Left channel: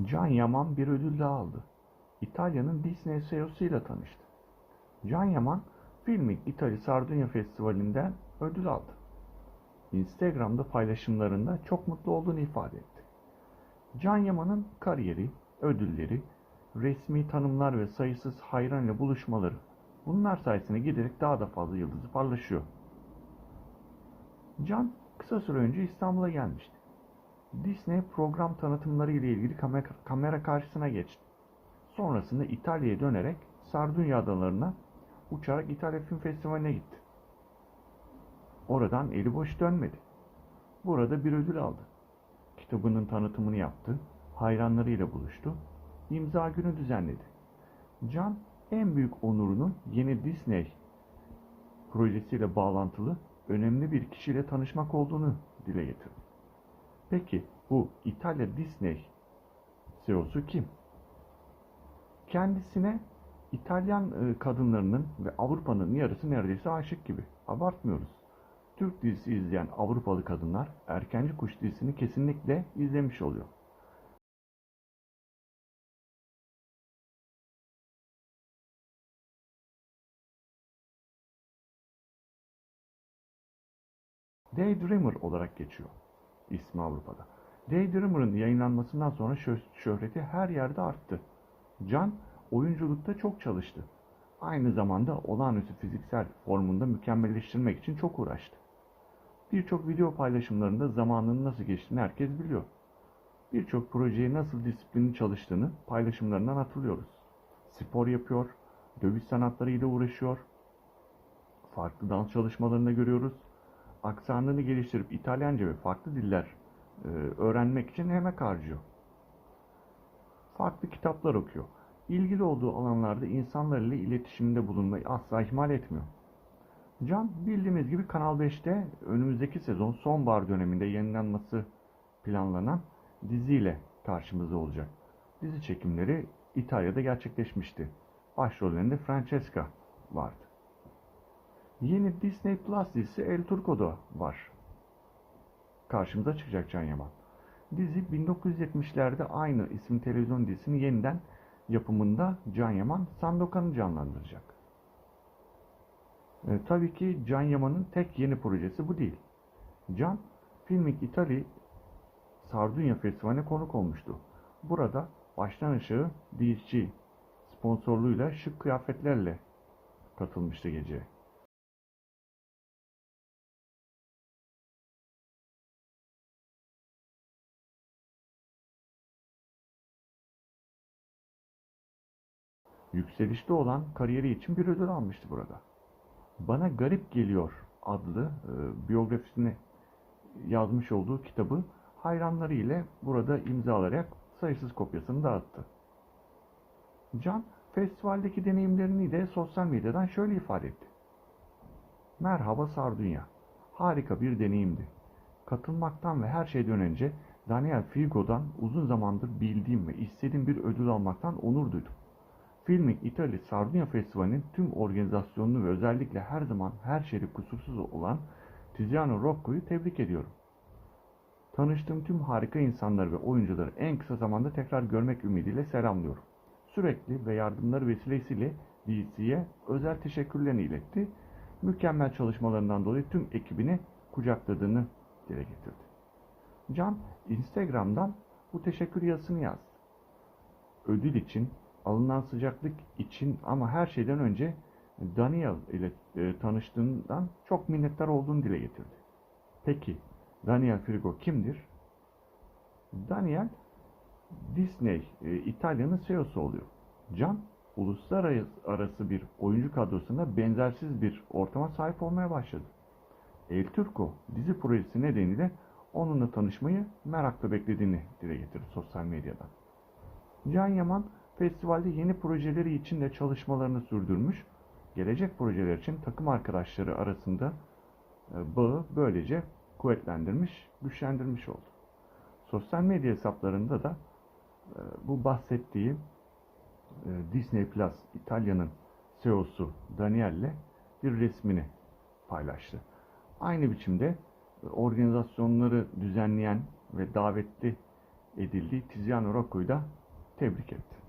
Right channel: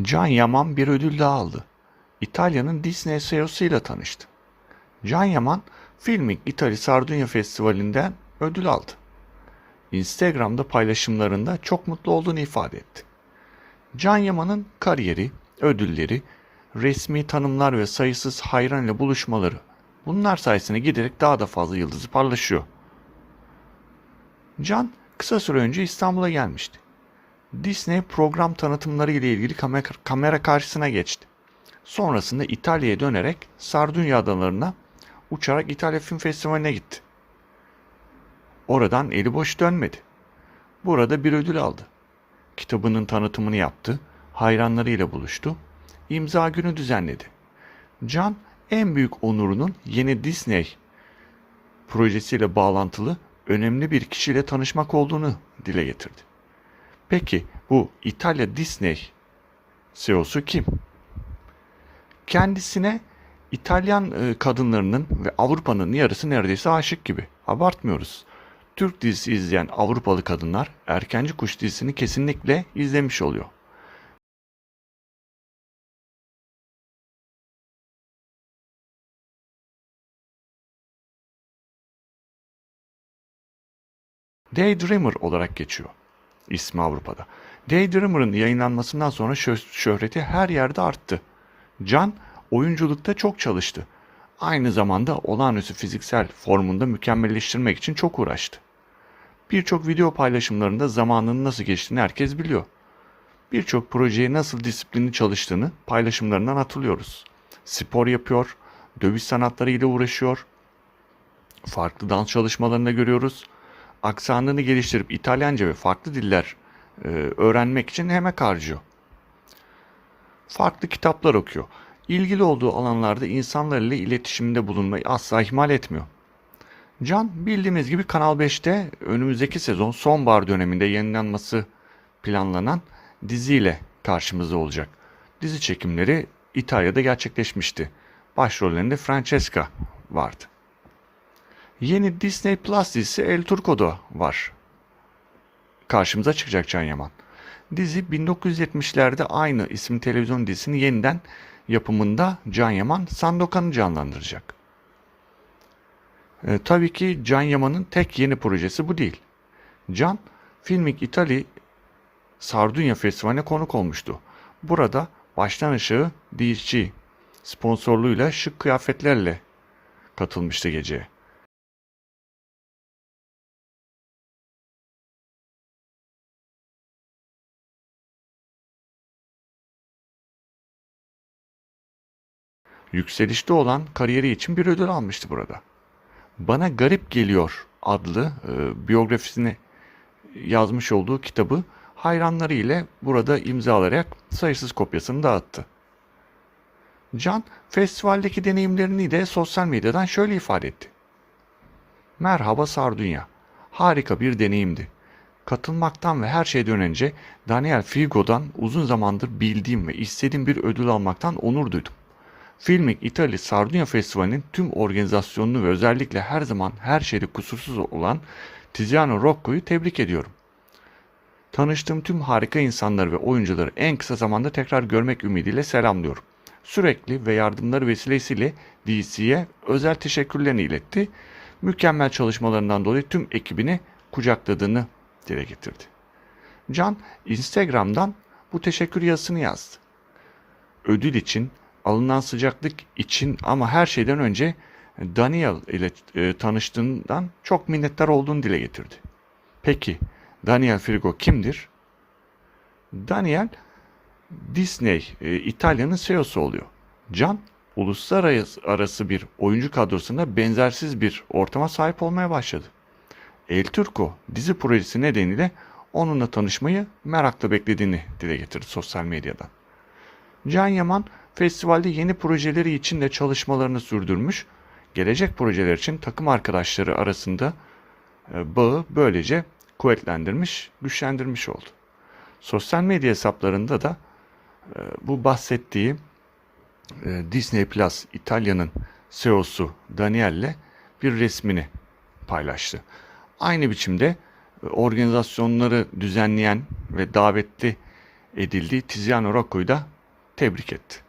Can Yaman bir ödül daha aldı. İtalya'nın Disney CEO'su ile tanıştı. Can Yaman, Filming İtali Sardunya Festivali'nden ödül aldı. Instagram'da paylaşımlarında çok mutlu olduğunu ifade etti. Can Yaman'ın kariyeri, ödülleri, resmi tanımlar ve sayısız hayran ile buluşmaları bunlar sayesinde giderek daha da fazla yıldızı parlaşıyor. Can kısa süre önce İstanbul'a gelmişti. Disney program tanıtımları ile ilgili kamera, karşısına geçti. Sonrasında İtalya'ya dönerek Sardunya adalarına uçarak İtalya Film Festivali'ne gitti. Oradan eli boş dönmedi. Burada bir ödül aldı. Kitabının tanıtımını yaptı, hayranlarıyla buluştu, imza günü düzenledi. Can en büyük onurunun yeni Disney projesiyle bağlantılı önemli bir kişiyle tanışmak olduğunu dile getirdi. Peki bu İtalya Disney CEO'su kim? Kendisine İtalyan e, kadınlarının ve Avrupa'nın yarısı neredeyse aşık gibi. Abartmıyoruz. Türk dizisi izleyen Avrupalı kadınlar Erkenci Kuş dizisini kesinlikle izlemiş oluyor. Daydreamer olarak geçiyor ismi Avrupa'da. Daydreamer'ın yayınlanmasından sonra şö- şöhreti her yerde arttı. Can oyunculukta çok çalıştı. Aynı zamanda olağanüstü fiziksel formunda mükemmelleştirmek için çok uğraştı. Birçok video paylaşımlarında zamanının nasıl geçtiğini herkes biliyor. Birçok projeye nasıl disiplinli çalıştığını paylaşımlarından hatırlıyoruz. Spor yapıyor, dövüş sanatları ile uğraşıyor, farklı dans çalışmalarında görüyoruz. Aksanını geliştirip İtalyanca ve farklı diller e, öğrenmek için emek harcıyor. Farklı kitaplar okuyor. İlgili olduğu alanlarda insanlarla iletişimde bulunmayı asla ihmal etmiyor. Can bildiğimiz gibi Kanal 5'te önümüzdeki sezon sonbahar döneminde yayınlanması planlanan diziyle karşımızda olacak. Dizi çekimleri İtalya'da gerçekleşmişti. Başrollerinde Francesca vardı. Yeni Disney Plus dizisi El Turco'da var. Karşımıza çıkacak Can Yaman. Dizi 1970'lerde aynı isim televizyon dizisini yeniden yapımında Can Yaman Sandokan'ı canlandıracak. E, tabii ki Can Yaman'ın tek yeni projesi bu değil. Can, Filmik İtali Sardunya Festivali'ne konuk olmuştu. Burada baştan aşağı DSG sponsorluğuyla şık kıyafetlerle katılmıştı geceye. Yükselişte olan kariyeri için bir ödül almıştı burada. Bana Garip Geliyor adlı e, biyografisini yazmış olduğu kitabı hayranları ile burada imzalayarak sayısız kopyasını dağıttı. Can, festivaldeki deneyimlerini de sosyal medyadan şöyle ifade etti. Merhaba Sardunya. Harika bir deneyimdi. Katılmaktan ve her şeyden önce Daniel Figo'dan uzun zamandır bildiğim ve istediğim bir ödül almaktan onur duydum. Filming İtalya Sardunya Festivali'nin tüm organizasyonunu ve özellikle her zaman her şeyde kusursuz olan Tiziano Rocco'yu tebrik ediyorum. Tanıştığım tüm harika insanları ve oyuncuları en kısa zamanda tekrar görmek ümidiyle selamlıyorum. Sürekli ve yardımları vesilesiyle DC'ye özel teşekkürlerini iletti. Mükemmel çalışmalarından dolayı tüm ekibini kucakladığını dile getirdi. Can Instagram'dan bu teşekkür yazısını yazdı. Ödül için alınan sıcaklık için ama her şeyden önce Daniel ile e, tanıştığından çok minnettar olduğunu dile getirdi. Peki Daniel Frigo kimdir? Daniel Disney e, İtalya'nın CEO'su oluyor. Can uluslararası bir oyuncu kadrosunda benzersiz bir ortama sahip olmaya başladı. El Turco dizi projesi nedeniyle onunla tanışmayı merakla beklediğini dile getirdi sosyal medyadan. Can Yaman festivalde yeni projeleri için de çalışmalarını sürdürmüş, gelecek projeler için takım arkadaşları arasında e, bağı böylece kuvvetlendirmiş, güçlendirmiş oldu. Sosyal medya hesaplarında da e, bu bahsettiği e, Disney Plus İtalya'nın CEO'su Daniel'le bir resmini paylaştı. Aynı biçimde organizasyonları düzenleyen ve davetli edildi. Tiziano Rocco'yu da tebrik etti.